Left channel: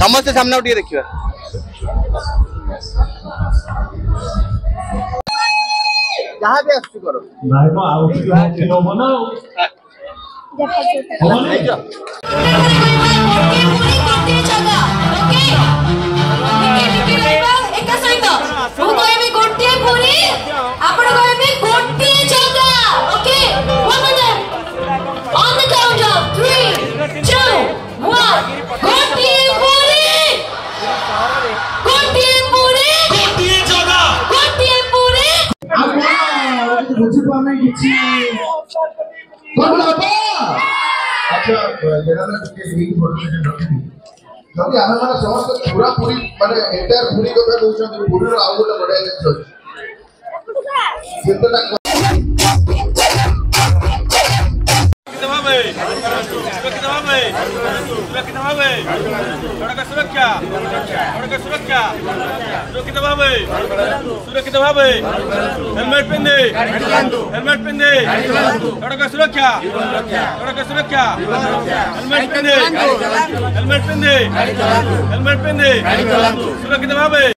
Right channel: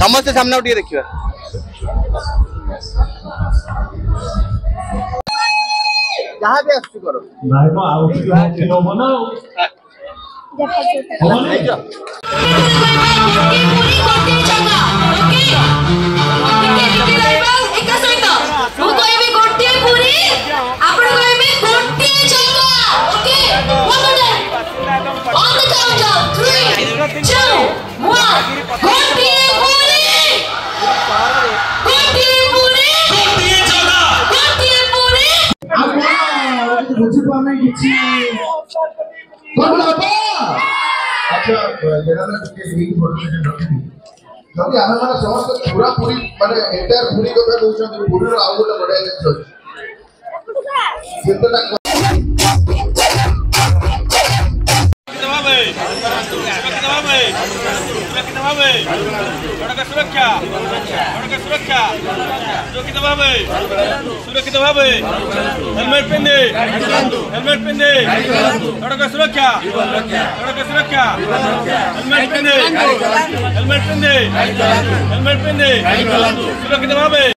समस्त सामने उठिए देखिए जहाँ भी आसु करो भाई को आउट किलो बनाओ जदि आम मैंने समस्त पूरा पूरी माने एंटायर पूरी कथा कहते पूरी आउ गोटे बढ़िया जिनिस सुरक्षा सुरक्षित भाव हेलमेट पिंधे सड़क सुरक्षा हेलमेट पिंधे सुरक्षित भाव।